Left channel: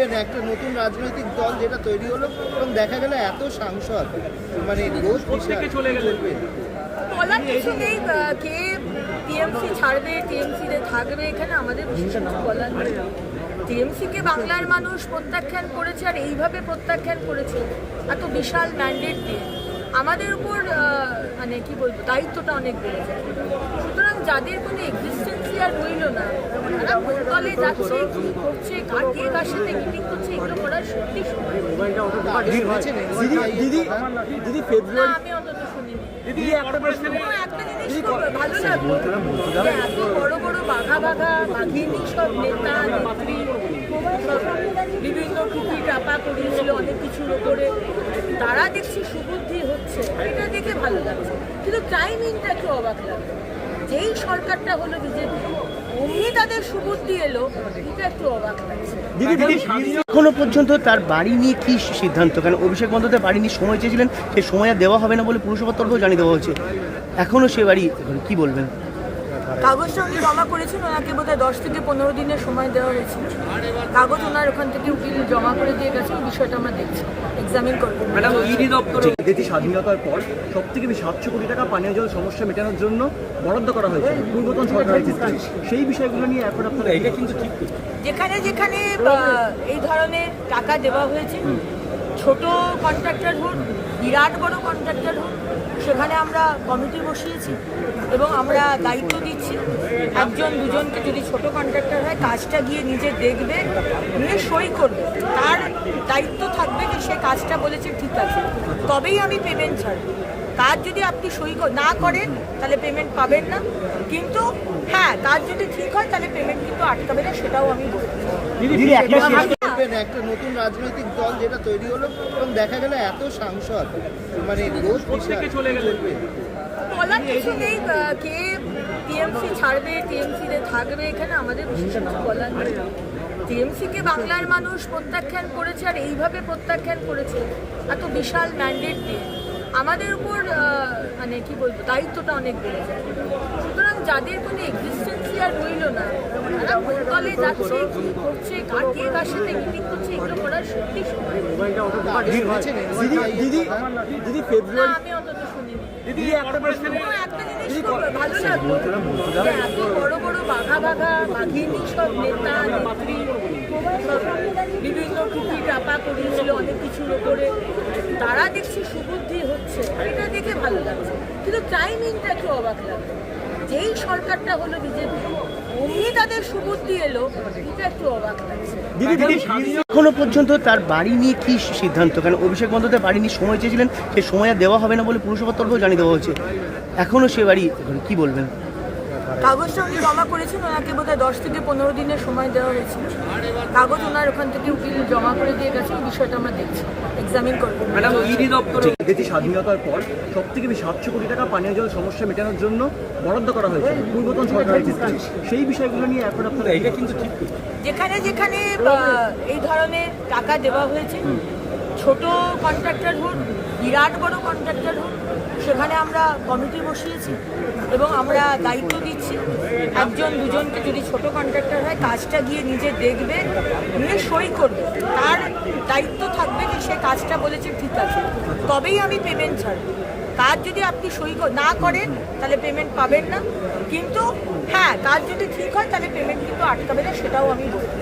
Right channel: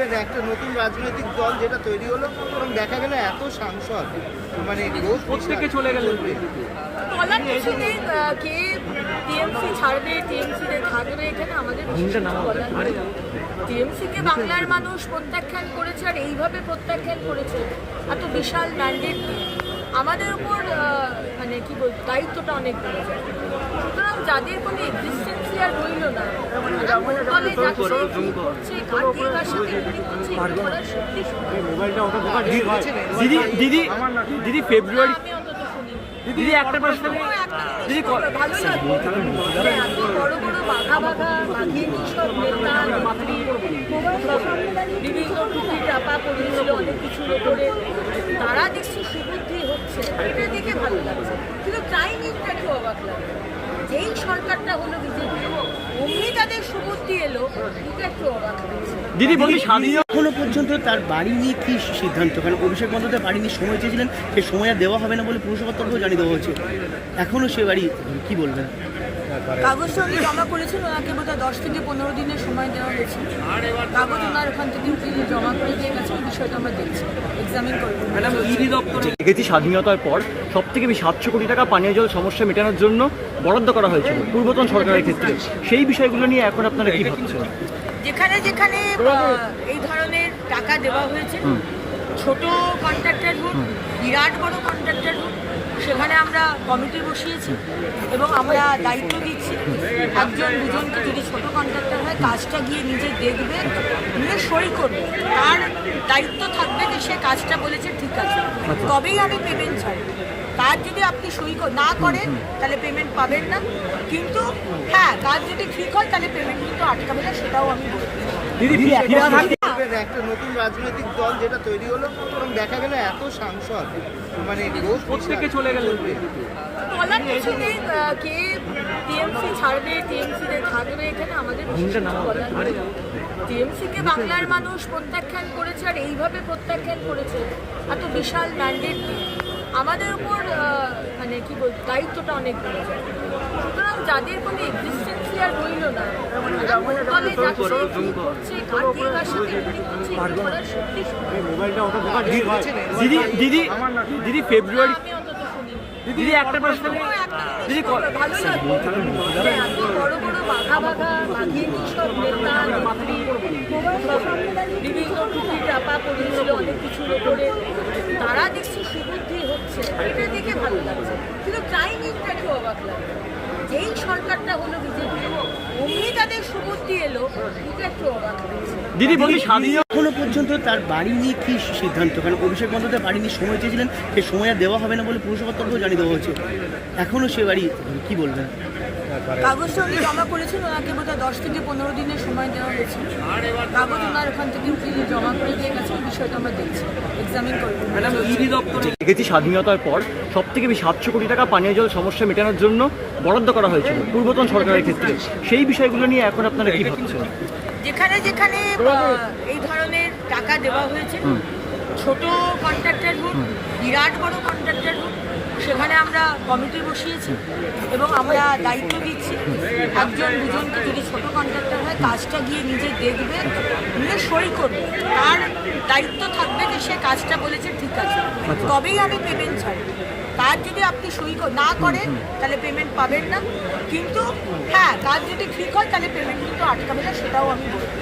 বলবেন একটা নতুন রাজনৈতিক দল যেটা তৈরি হলো এবং দেখা গেল এত সাংসদ মানে থেকে চলে গেল, বলার কিছু নেই। কে টিএমসি ছাড়বে, টিএমসিতে থাকবে, এখানে আমাদের কিছু বলার নেই। টিএমসিকে বাংলার মানুষ প্রত্যাখ্যান করেছে, আর এইভাবে প্রত্যাখ্যান করেছে। এত বিশাল ম্যান্ডেট দিয়ে আমাদের উপর মানে কি বলবো, দায়িত্বটা অনেক বেড়ে যায়। সুতরাং যাদের কোনো এক্সিস্টেন্সই আর রইল না, তারা দলে যাচ্ছে, কি করছে, কার দিয়ে কার সাথে মিটিং করছে, এগুলো করার সত্যি দিদি ফেব্রুয়ারি আমি অন্তত শুনি। দিদি একটা প্রশ্ন ভালো লাগবে এত বড় বড় বাঘা বাঘিনী সব নেতা নেত্রী বিভিন্ন টুপি চাপা পড়েছিল অনেক কিছুর ওপরে, তারা দেখছি সুবুদ্ধি হচ্ছে, এটা দেখে ভালো লাগছে। কিন্তু টাইমিংটা একটু অবাক লাগছে। যেই সরকারটা হলো বিজেপি, অমনি তাদের সুবুদ্ধি এলো, এটা একটু অবাক লাগছে। দিদি এখনো পর্যন্ত তার বাড়ি নিয়ে কি সিদ্ধান্ত? কারণ অভিষেক বন্দ্যোপাধ্যায় বাড়ি নিয়ে সময় চেয়েছিলেন, সেই সময় আর দেওয়া হবে না বলে পুরসভার তরফেও জানিয়ে দেওয়া হয়েছে। এখনো সে বাড়ি কি বলবেন? কাগজটা উনি জমা করেছেন, ওনাকে বোধহয় 10 থেকে 15 দিনের সময় দেওয়া হয়েছে। কাগজ ওনার ওখান থেকে উকিল জমা করে দিয়ে গেছে, ওই বিষয়টা আমরা দেখছি, এক্সামিন করবো। ম্যাডাম, ইডি দপ্তরে দেখেছি স্বাধীনতার পর সব থেকে বেশি 700 কোটি টাকা পানীয় জল সমস্যা মেটানোর জন্য বরাদ্দ করা হয়েছিল পূর্বতন সরকারের ক্ষেত্রে। সেই বিষয়গুলো নিয়ে এখন আপনারা কি ভাবছেন? যেখানে যেখানে এই ধরনের টাকা দেওয়া হয়েছে, ছোট কন্ট্রাক্টর হোক, বিরাট বড় কন্ট্রাক্টর হোক, সেখানে আমরা কমিটি বসিয়েছি এবং আমরা দায়িত্ব দিচ্ছি। একজন দুজনকে, যদি ছোট কন্ট্রাক্টর হয়, কাজটা গিয়ে নিজে দেখবে, নিয়ে সই করবে, তার দায়িত্ব থাকবে যে সে কাজটা বলেছে ঠিক আছে, তবেই আমি পেমেন্ট ছাড়বো। কাজ যদি আপনি সই না করেন তাহলে পেমেন্ট পাবেন না, কিন্তু হ্যাঁ, কাজ যদি ঠিক হয় তাহলে পেমেন্ট কিন্তু আটকাবে না, সেটাও আমি বলছি। বলবেন একটা নতুন রাজনৈতিক দল যেটা তৈরি হলো এবং দেখা গেল এত সাংসদ মানে থেকে চলে গেল, বলার কিছু নেই। কে টিএমসি ছাড়বে, টিএমসিতে থাকবে, এখানে আমাদের কিছু বলার নেই। টিএমসিকে বাংলার মানুষ প্রত্যাখ্যান করেছে, আর এইভাবে প্রত্যাখ্যান করেছে। এত বিশাল ম্যান্ডেট দিয়ে আমাদের উপর মানে কি বলবো, দায়িত্বটা অনেক বেড়ে যায়। সুতরাং যাদের কোনো এক্সিস্টেন্সই আর রইল না, তারা দলে যাচ্ছে, কি করছে, কার দিয়ে কার সাথে মিটিং করছে, এগুলো করার সত্যি দিদি ফেব্রুয়ারি আমি অন্তত শুনি। দিদি একটা প্রশ্ন ভালো লাগবে এত বড় বড় বাঘা বাঘিনী সব নেতা নেত্রী বিভিন্ন টুপি চাপা পড়েছিল অনেক কিছুর ওপরে, তারা দেখছি সুবুদ্ধি হচ্ছে, এটা দেখে ভালো লাগছে। কিন্তু টাইমিংটা একটু অবাক লাগছে। যেই সরকারটা হলো বিজেপি, অমনি তাদের সুবুদ্ধি এলো, এটা একটু অবাক লাগছে। দিদি এখনো পর্যন্ত তার বাড়ি নিয়ে কি সিদ্ধান্ত? কারণ অভিষেক বন্দ্যোপাধ্যায় বাড়ি নিয়ে সময় চেয়েছিলেন, সেই সময় আর দেওয়া হবে না বলে পুরসভার তরফেও জানিয়ে দেওয়া হয়েছে। এখনো সে বাড়ি কি বলবেন? কাগজটা উনি জমা করেছেন, ওনাকে বোধহয় 10 থেকে 15 দিনের সময় দেওয়া হয়েছে। কাগজ ওনার ওখান থেকে উকিল জমা করে দিয়ে গেছে, ওই বিষয়টা আমরা দেখছি, এক্সামিন করবো। ম্যাডাম, ইডি দপ্তরে দেখেছি স্বাধীনতার পর সব থেকে বেশি 700 কোটি টাকা পানীয় জল সমস্যা মেটানোর জন্য বরাদ্দ করা হয়েছিল পূর্বতন সরকারের ক্ষেত্রে। সেই বিষয়গুলো নিয়ে এখন আপনারা কি ভাবছেন? যেখানে যেখানে এই ধরনের টাকা দেওয়া হয়েছে, ছোট কন্ট্রাক্টর হোক, বিরাট বড় কন্ট্রাক্টর হোক, সেখানে আমরা কমিটি বসিয়েছি এবং আমরা দায়িত্ব দিচ্ছি। একজন দুজনকে, যদি ছোট কন্ট্রাক্টর হয়, কাজটা গিয়ে নিজে দেখবে, নিয়ে সই করবে, তার দায়িত্ব থাকবে যে সে কাজটা বলেছে ঠিক আছে, তবেই আমি পেমেন্ট ছাড়বো। কাজ যদি আপনি সই না করেন তাহলে পেমেন্ট পাবেন না, কিন্তু হ্যাঁ, কাজ যদি ঠিক হয় তাহলে পেমেন্ট কিন্তু আটকাবে না, সেটাও আমি বলছি।